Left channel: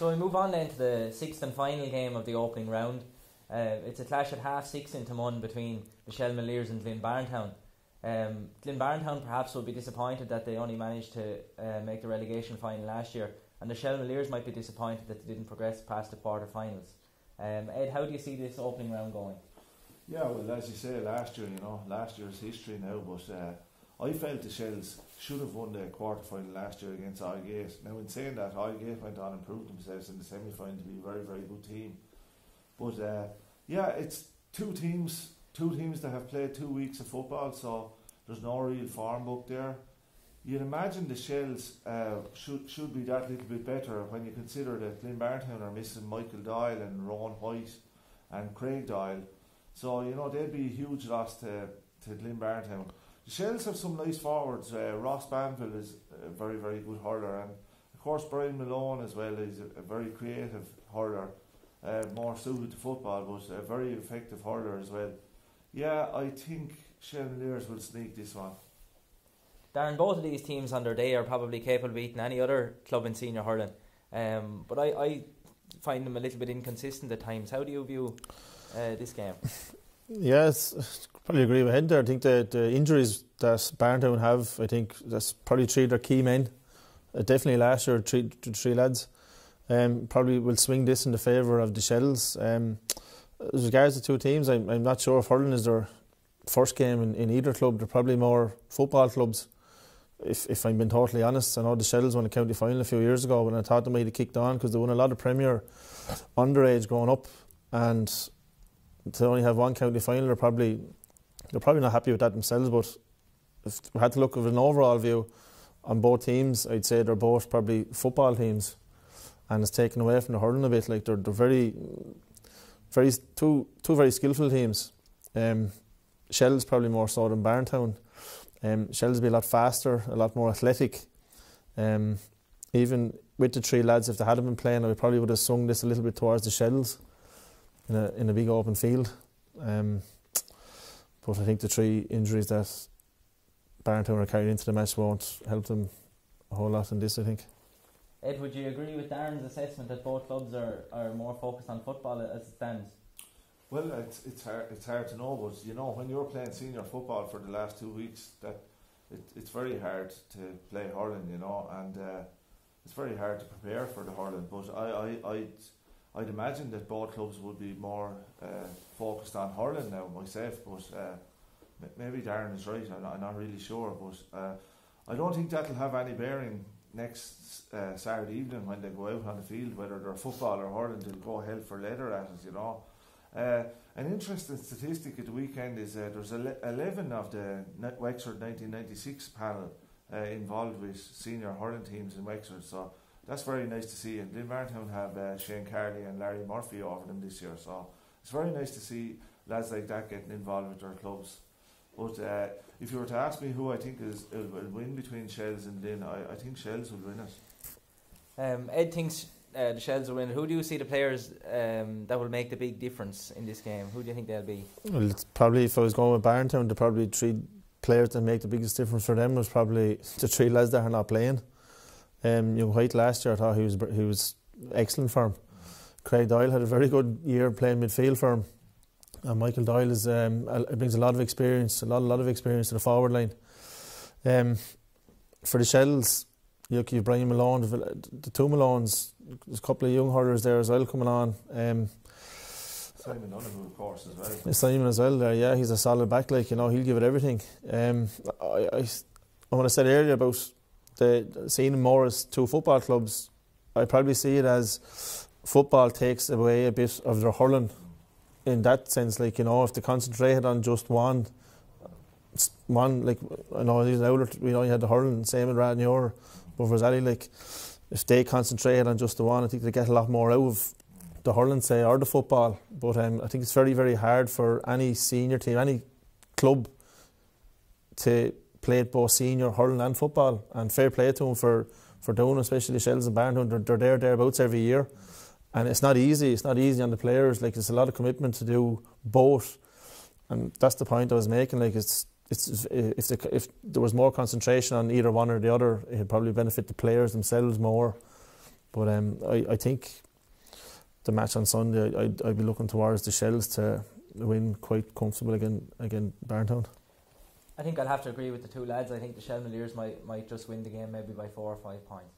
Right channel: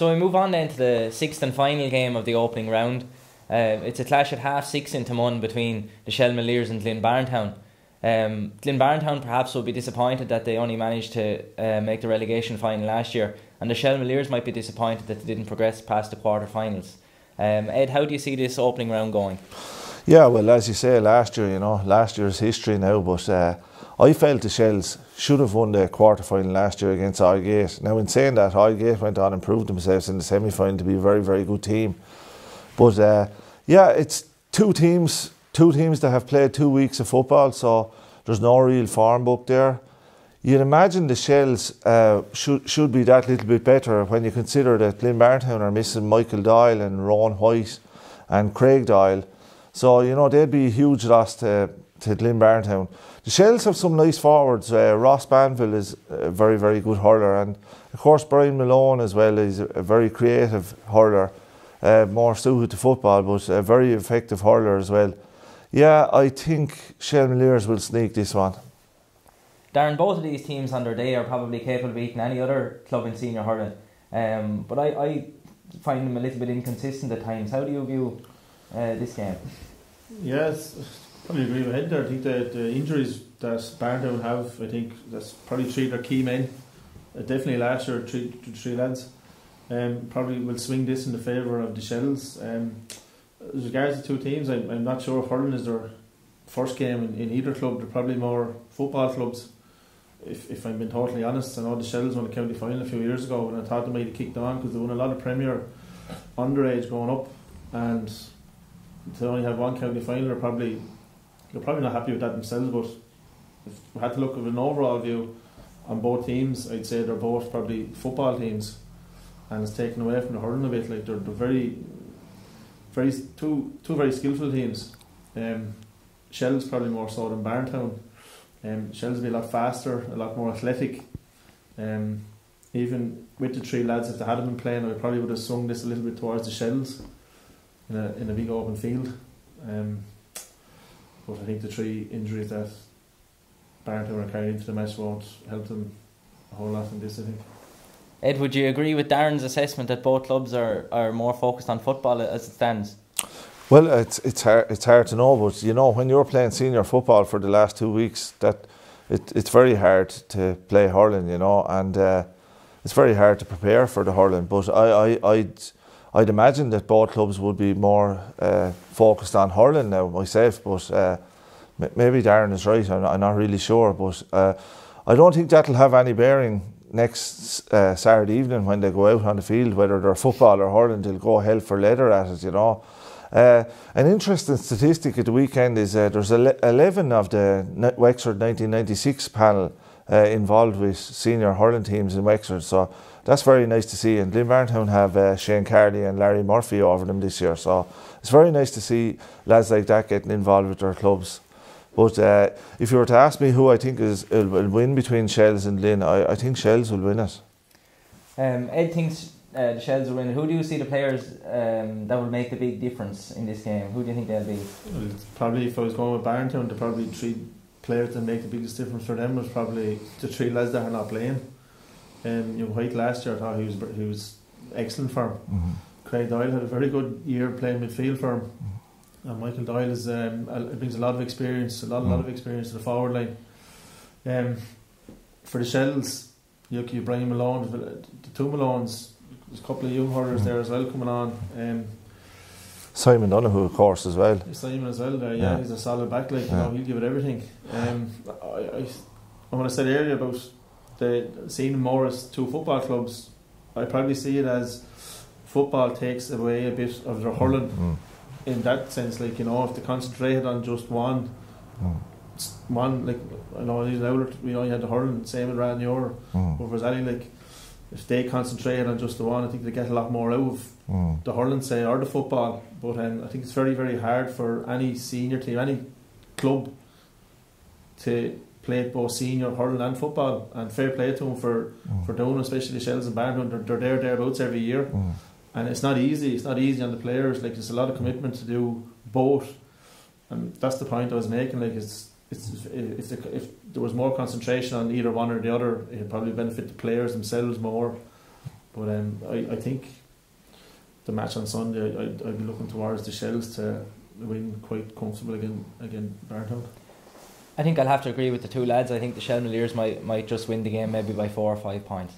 So we move on then to the sixth and final game of the opening round. It's a clash at 6:30 in Timon between the Shelmaliers and Glynn. Glynn perhaps will be disappointed that they only managed to make the relegation final last year, and the Shelmaliers might be disappointed that they didn't progress past the quarter-finals. Ed, how do you see this opening round going? Yeah, well, as you say, last year's history now, but I felt the Shells should have won the quarter-final last year against Highgate. Now, in saying that, Highgate went on and proved themselves in the semi-final to be a very, very good team. But yeah, it's two teams that have played 2 weeks of football, so there's no real form book there. You'd imagine the Shells should be that little bit better when you consider that Glynn are missing Michael Doyle and Rowan White and Craig Doyle. So, you know, they'd be a huge loss to Glynn. The Shells have some nice forwards. Ross Banville is a very, very good hurler, and of course Brian Malone as well is a very creative hurler, more suited to football, but a very effective hurler as well. Yeah, I think Shelmaliers will sneak this one. Darren, both of these teams on their day are probably capable of beating any other club in senior hurling, but I find them a little bit inconsistent at times. How do you view this game? Yes, probably agree with Ed there. I think the injuries that Barntown have, I think that's probably three of their key men. Definitely last year, three lads. Probably will swing this in the favour of the Shells. As regards the two teams, I'm not sure if hurling is their first game in either club. They're probably more football clubs. If I'm being totally honest, I know the Shells won the county final a few years ago, and I thought they might have kicked on because they won a lot of Premier underage growing up, and to only have one county final, they're probably not happy with that themselves. But if we had to look at an overall view on both teams, I'd say they're both probably football teams, and it's taken away from the hurling a bit. Like they're two very skillful teams. Shells probably more so than Barntown. Shells will be a lot faster, a lot more athletic. Even with the three lads, if they hadn't been playing, I probably would have swung this a little bit towards the Shells in a big open field. But I think the three injuries that Barntown are carrying into the match won't help them a whole lot in this, I think. Ed, would you agree with Darren's assessment that both clubs are more focused on football as it stands? Well, it's hard to know, but you know, when you're playing senior football for the last 2 weeks, that it's very hard to play hurling, you know, and it's very hard to prepare for the hurling. But I'd imagine that both clubs would be more focused on hurling now myself, but maybe Darren is right. I'm not really sure, but I don't think that'll have any bearing next Saturday evening when they go out on the field, whether they're football or hurling. They'll go hell for leather at it, you know. An interesting statistic at the weekend is there's 11 of the Wexford 1996 panel involved with senior hurling teams in Wexford, so that's very nice to see. And Glynn have Shane Carley and Larry Murphy over them this year, so it's very nice to see lads like that getting involved with their clubs. But if you were to ask me who I think will win between Shells and Glynn, I think Shells will win it. Ed thinks the Shells will win. Who do you see the players that will make the big difference in this game? Who do you think they'll be? Well, it's probably, if I was going with Barntown, the probably three players that make the biggest difference for them was probably the three lads that are not playing. White last year, I thought he was excellent for him. Mm-hmm. Craig Doyle had a very good year playing midfield for him. And Michael Doyle brings a lot of experience, a lot of experience to the forward line. For the Shells, you have Brian Malone, the two Malones. There's a couple of young hurlers there as well coming on. Simon Donoghue, of course, as well. Simon as well there, yeah. He's a solid back, like, you know, he'll give it everything. What I said earlier about seeing more as two football clubs, I probably see it as football takes away a bit of their hurling. In that sense, like, you know, if they concentrated on just one, like, I know we only had the hurling, same with Ranyor, but for Zally, like, if they concentrated on just the one, I think they get a lot more out of the hurling, say, or the football. But I think it's very, very hard for any senior team, any club, to play both senior hurling and football. And fair play to them for doing, especially the Shells and Barntown. They're thereabouts every year. And it's not easy. It's not easy on the players. Like, there's a lot of commitment to do both, and that's the point I was making. Like, if there was more concentration on either one or the other, it'd probably benefit the players themselves more. But I think the match on Sunday, I'd be looking towards the Shells to win quite comfortable again Barntown. I think I'll have to agree with the two lads. I think the Shelmaliers might just win the game maybe by 4 or 5 points.